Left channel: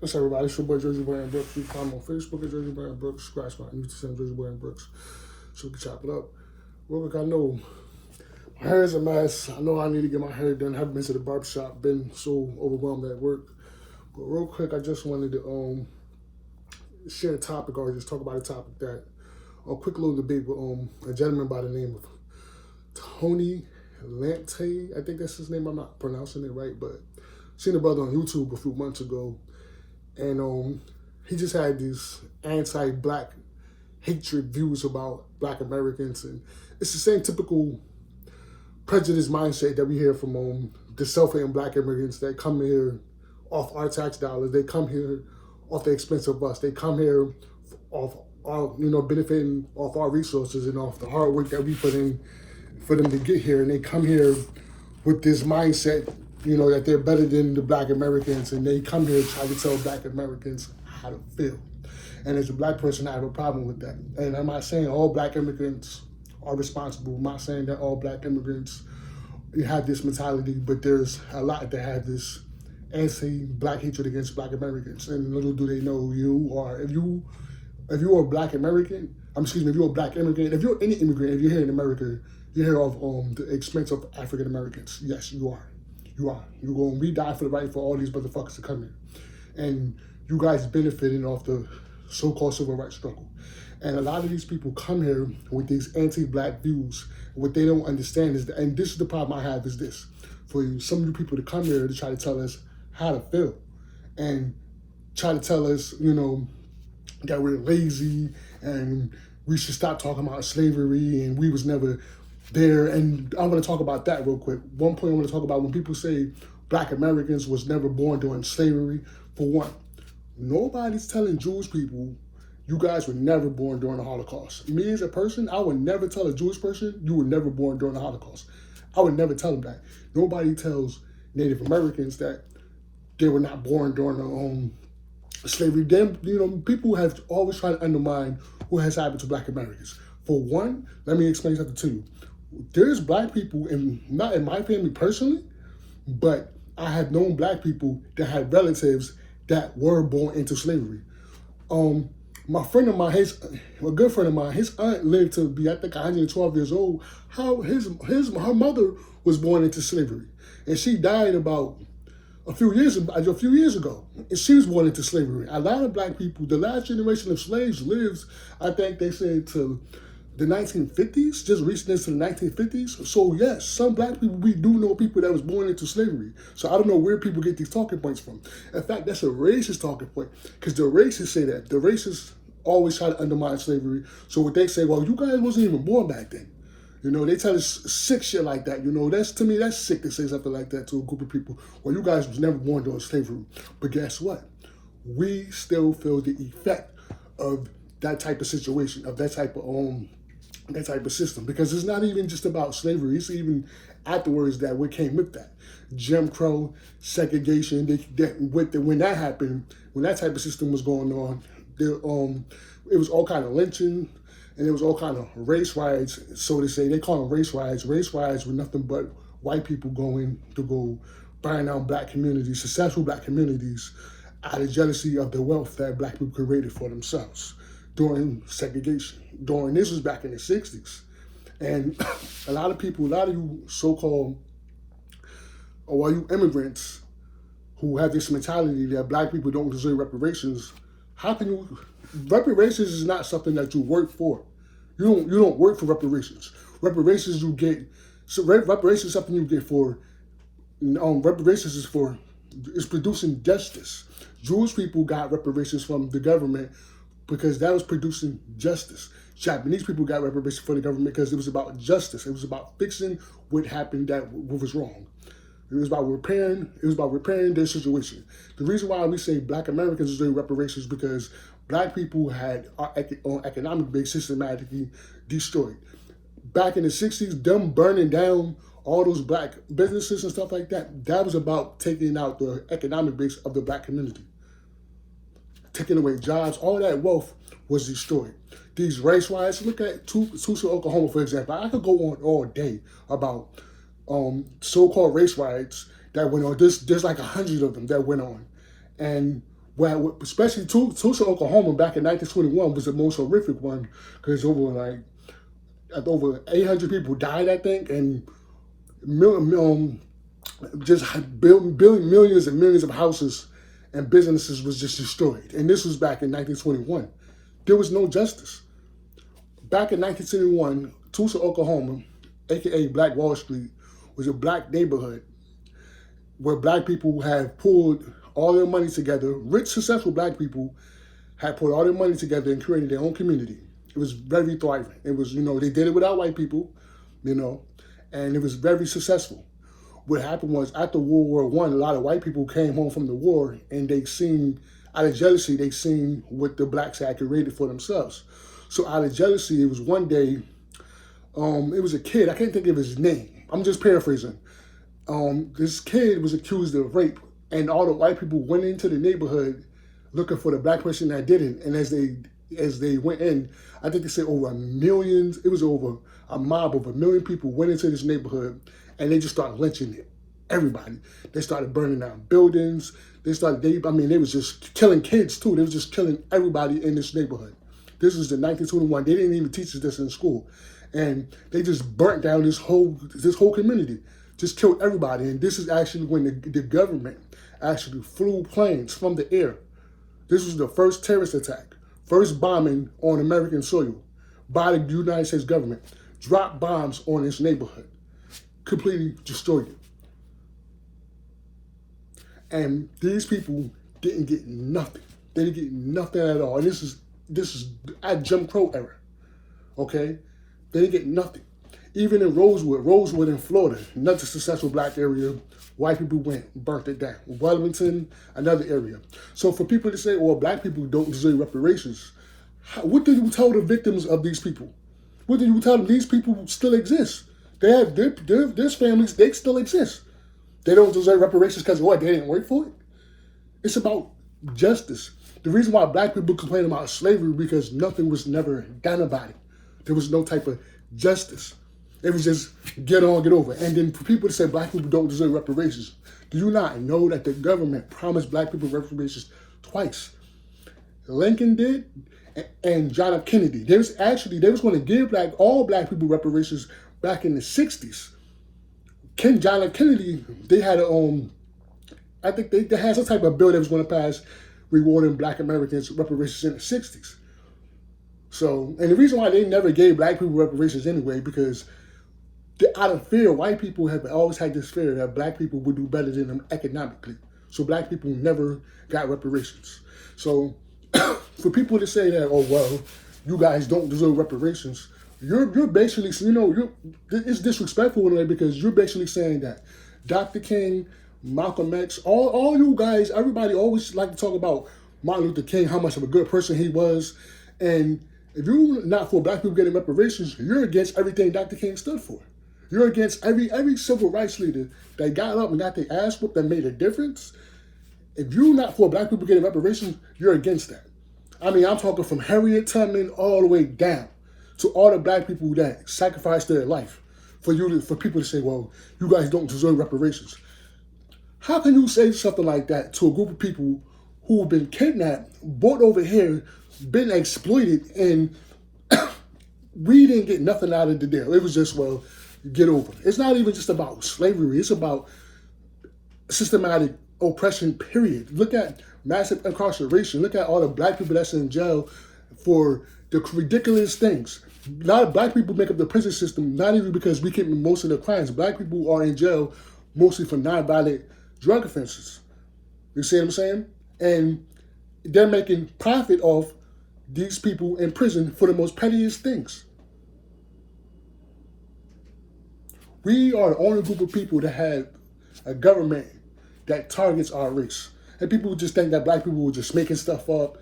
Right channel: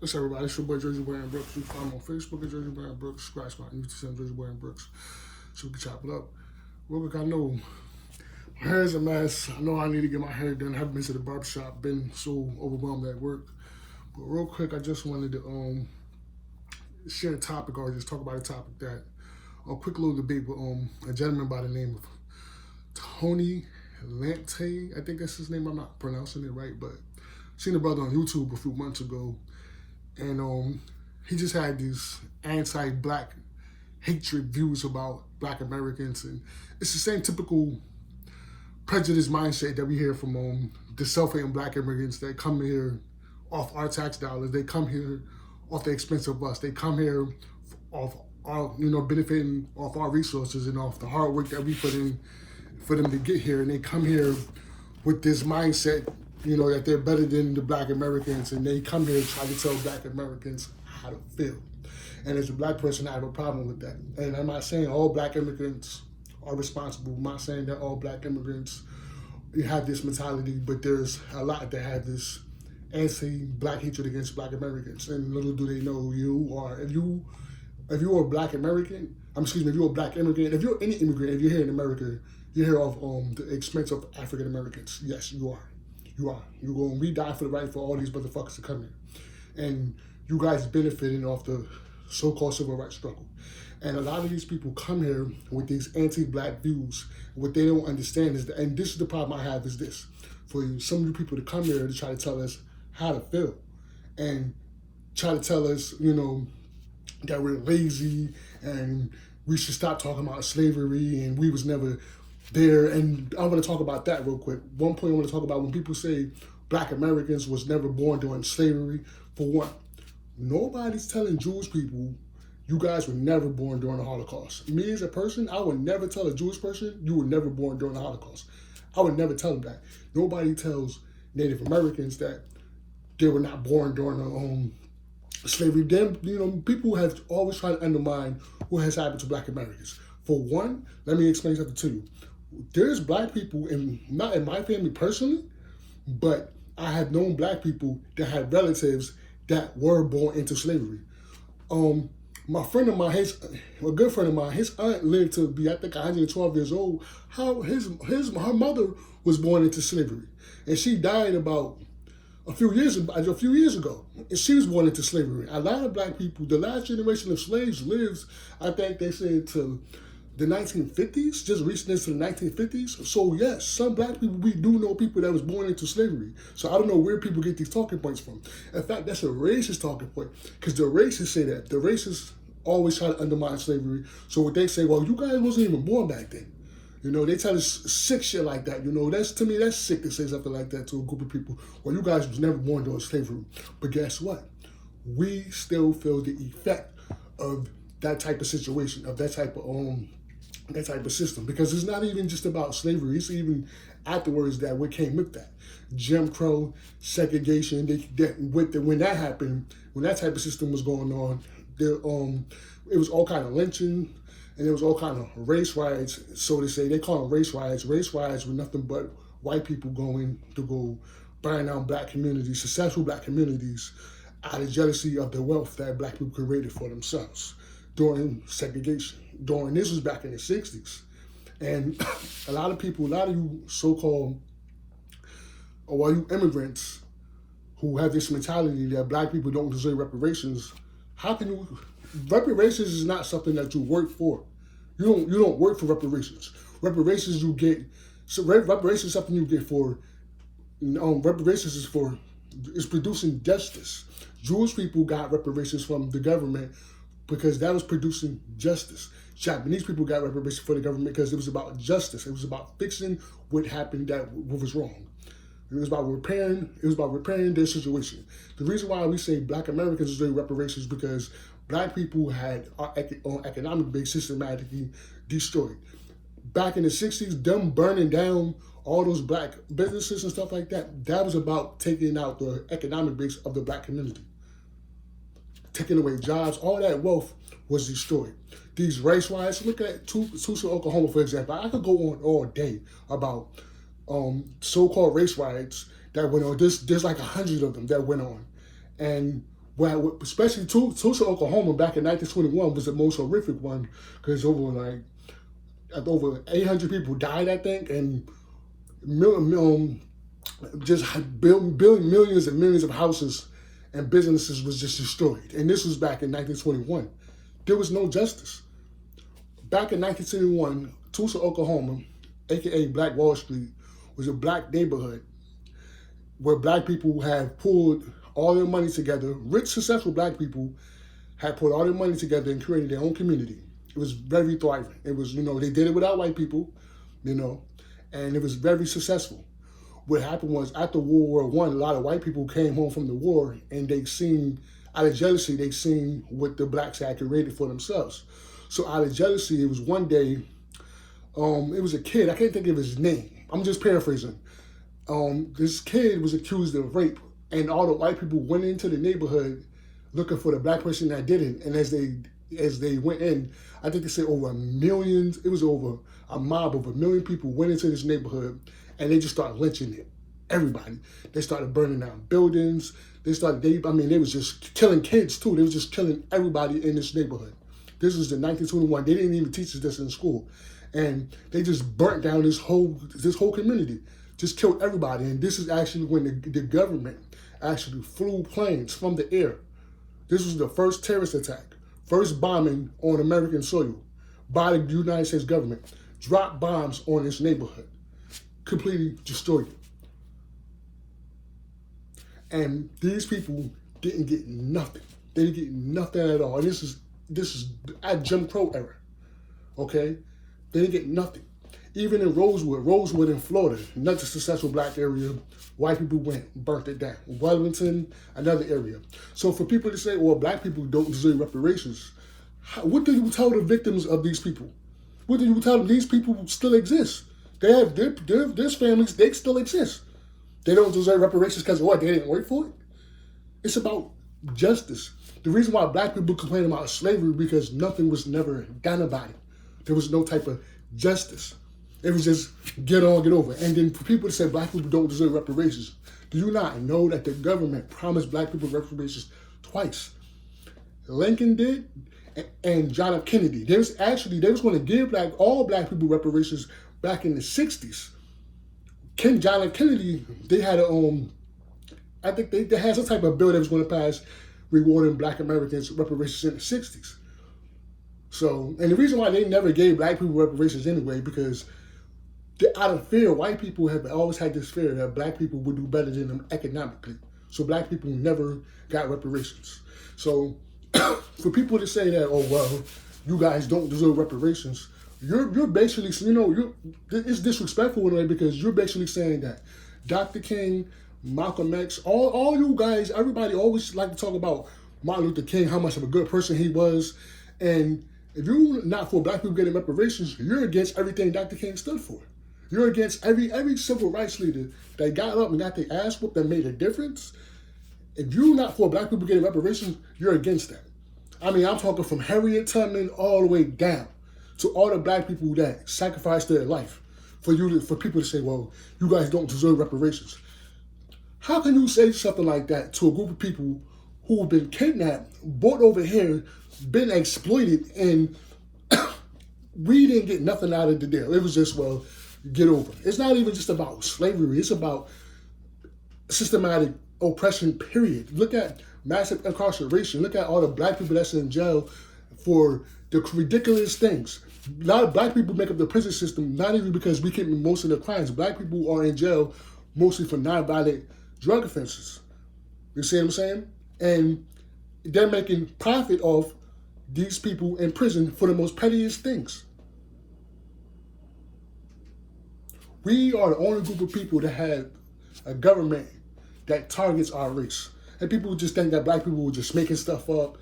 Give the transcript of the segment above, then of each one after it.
What's up, everybody? It's your boy Jersey Boy and Brooks. You can find me on Facebook at Jersey Boy and Brooks. Squad Spot. You can send Jersey Boy and Brooks. So we can chop it up. Real quick, I know my hair is a mess. I know I need to get my hair done. I haven't been to the barbershop. Been so overwhelmed at work. But real quick, I just wanted to share a topic or just talk about a topic that a quick little debate with a gentleman by the name of Tony Lante. I think that's his name. I'm not pronouncing it right, but seen the brother on YouTube a few months ago, and he just had these anti-black hatred views about Black Americans, and it's the same typical prejudice mindset that we hear from the self-hating Black immigrants that come here off our tax dollars. They come here off the expense of us. They come here off our, benefiting off our resources and off the hard work that we put in for them to get here. And they come here with this mindset, that they're better than the Black Americans, and they come here to try to tell Black Americans how to feel. And as a Black person, I have a problem with that. And I'm not saying all Black immigrants are responsible. I'm not saying that all Black immigrants have this mentality, but there's a lot that have this anti-Black hatred against Black Americans. And little do they know, if you're a Black American, if you're a Black immigrant, if you're any immigrant, if you're here in America, you're here off the expense of African Americans. Yes, you are. We die for the right for all these motherfuckers to come here. And you guys benefiting off the so-called civil rights struggle. And a lot of these people come here with these anti-Black views. What they don't understand is that, and this is the problem I have, is this. For some of you people to come here to try to tell us how to feel and try to tell us, that we're lazy and we should stop talking about slavery and we was never there. And I want to talk about that real quick. One point I want to talk about when people say Black Americans was never born during slavery. For one, nobody's telling Jewish people you guys were never born during the Holocaust. Me as a person, I would never tell a Jewish person you were never born during the Holocaust. I would never tell them that. Nobody tells Native Americans that they were not born during slavery. Them, people have always tried to undermine what has happened to Black Americans. For one, let me explain something to you. There's Black people, not in my family personally, but I have known Black people that had relatives that were born into slavery. My friend of mine, a good friend of mine, his aunt lived to be, I think, 112 years old. Her mother was born into slavery, and she died about a few years ago, and she was born into slavery. A lot of Black people, the last generation of slaves lives, I think they say, to the 1950s, just recently to the 1950s. So yes, some Black people, we do know people that was born into slavery. So I don't know where people get these talking points from. In fact, that's a racist talking point, because the racists say that. The racists always try to undermine slavery. So what they say, well, you guys wasn't even born back then. They tell us sick shit like that. To me, that's sick to say something like that to a group of people. Well, you guys was never born during slavery. But guess what? We still feel the effect of that type of situation, of that type of system. Because it's not even just about slavery. It's even afterwards that what came with that. Jim Crow, segregation, when that happened, when that type of system was going on, it was all kind of lynching, and it was all kind of race riots, so to say. They call them race riots. Race riots were nothing but white people going to go burn down Black communities, successful Black communities, out of jealousy of the wealth that Black people created for themselves during segregation. This was back in the 60s. And a lot of you so-called, or you immigrants who have this mentality that Black people don't deserve reparations, reparations is not something that you work for. You don't work for reparations. Reparations is something you get for, reparations is producing justice. Jewish people got reparations from the government because that was producing justice. Japanese people got reparations for the government because it was about justice. It was about fixing what happened what was wrong. It was about repairing their situation. The reason why we say Black Americans deserve reparations is because Black people had our economic base systematically destroyed. Back in the 60s, them burning down all those Black businesses and stuff like that, that was about taking out the economic base of the Black community. Taking away jobs, all that wealth was destroyed. These race riots, look at Tulsa, Oklahoma, for example. I could go on all day about so-called race riots that went on. There's like 100 of them that went on. And Well, especially Tulsa, Oklahoma, back in 1921 was the most horrific one because over 800 people died, I think, and just building millions and millions of houses and businesses was just destroyed. And this was back in 1921. There was no justice. Back in 1971, Tulsa, Oklahoma, aka Black Wall Street, was a black neighborhood where black people had pulled all their money together. Rich, successful black people had put all their money together and created their own community. It was very thriving. It was, they did it without white people, and it was very successful. What happened was after World War I, a lot of white people came home from the war and they seen, out of jealousy, they seen what the blacks had created for themselves. So out of jealousy, it was one day, it was a kid, I can't think of his name. I'm just paraphrasing. This kid was accused of rape, and all the white people went into the neighborhood looking for the black person that did it. And as they went in, I think they said over it was over a mob of 1 million people went into this neighborhood, and they just started lynching everybody. They started burning down buildings. They was just killing kids too. They was just killing everybody in this neighborhood. This was in 1921. They didn't even teach us this in school. And they just burnt down this whole community, just killed everybody. And this is actually when the government actually flew planes from the air. This was the first terrorist attack, first bombing on American soil by the United States government. Dropped bombs on this neighborhood, completely destroyed it. And these people didn't get nothing. They didn't get nothing at all. And this is at Jim Crow era, okay? They didn't get nothing. Even in Rosewood in Florida, another successful black area, white people went and burnt it down. Wellington, another area. So for people to say, well, black people don't deserve reparations, what do you tell the victims of these people? What do you tell them? These people still exist. They have their families, they still exist. They don't deserve reparations because what? They didn't work for it? It's about justice. The reason why black people complain about slavery because nothing was never done about it. There was no type of justice. It was just get on, get over. And then for people to say black people don't deserve reparations, do you not know that the government promised black people reparations twice? Lincoln did, and John F. Kennedy. They was going to give all black people reparations back in the 60s. John F. Kennedy, they had I think they had some type of bill that was going to pass rewarding black Americans reparations in the 60s. So, and the reason why they never gave black people reparations anyway, because out of fear, white people have always had this fear that black people would do better than them economically. So black people never got reparations. So for people to say that, oh, well, you guys don't deserve reparations, you're basically, it's disrespectful in a way because you're basically saying that Dr. King, Malcolm X, all you guys, everybody always like to talk about Martin Luther King, how much of a good person he was. And if you're not for black people getting reparations, you're against everything Dr. King stood for. You're against every civil rights leader that got up and got their ass whooped that made a difference. If you're not for black people getting reparations, you're against that. I mean, I'm talking from Harriet Tubman all the way down to all the black people that sacrificed their life for people to say, well, you guys don't deserve reparations. How can you say something like that to a group of people who've been kidnapped, brought over here, been exploited, and we didn't get nothing out of the deal? It was just, well, get over it. It's not even just about slavery. It's about systematic oppression, period. Look at massive incarceration. Look at all the black people that's in jail for the ridiculous things. A lot of black people make up the prison system, not even because we commit most of the crimes. Black people are in jail mostly for non-violent drug offenses. You see what I'm saying? And they're making profit off these people in prison for the most pettiest things. We are the only group of people that have a government that targets our race. And people just think that black people were just making stuff up.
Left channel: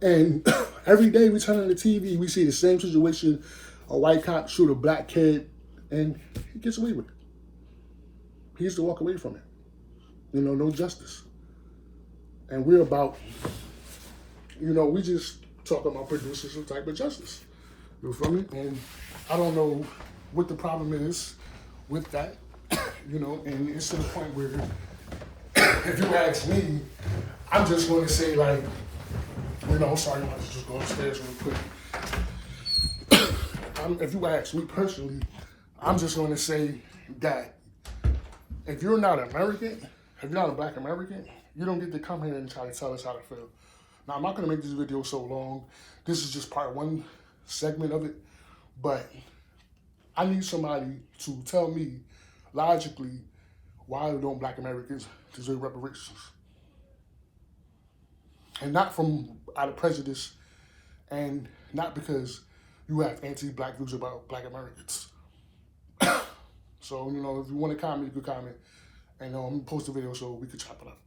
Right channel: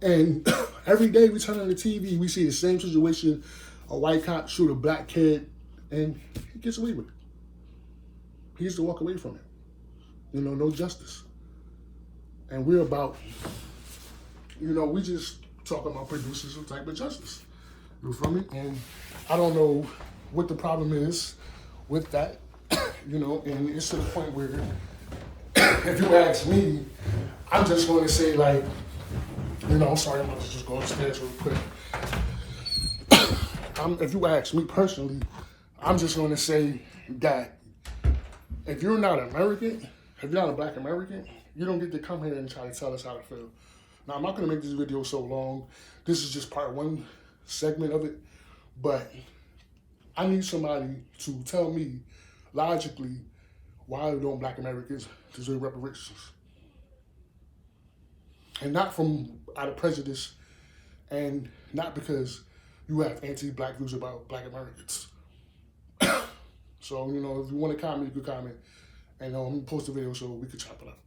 And every day we turn on the TV, we see the same situation. A white cop shoot a black kid, and he gets away with it. He used to walk away from it. No justice. And we're about, we just talk about producing some type of justice. You feel me? And I don't know what the problem is with that, and it's to the point where, if you ask me, I'm just going to say, like, you know, I'm sorry, I'm about to just go upstairs real quick. If you ask me personally, I'm just going to say that if you're not American, if you're not a black American, you don't get to come here and try to tell us how to feel. Now, I'm not going to make this video so long. This is just part one segment of it. But I need somebody to tell me logically why don't black Americans deserve reparations? And not from out of prejudice and not because you have anti-black views about black Americans. So, you know, if you want to comment, you can comment. And I'm going to post a video so we can chop it up.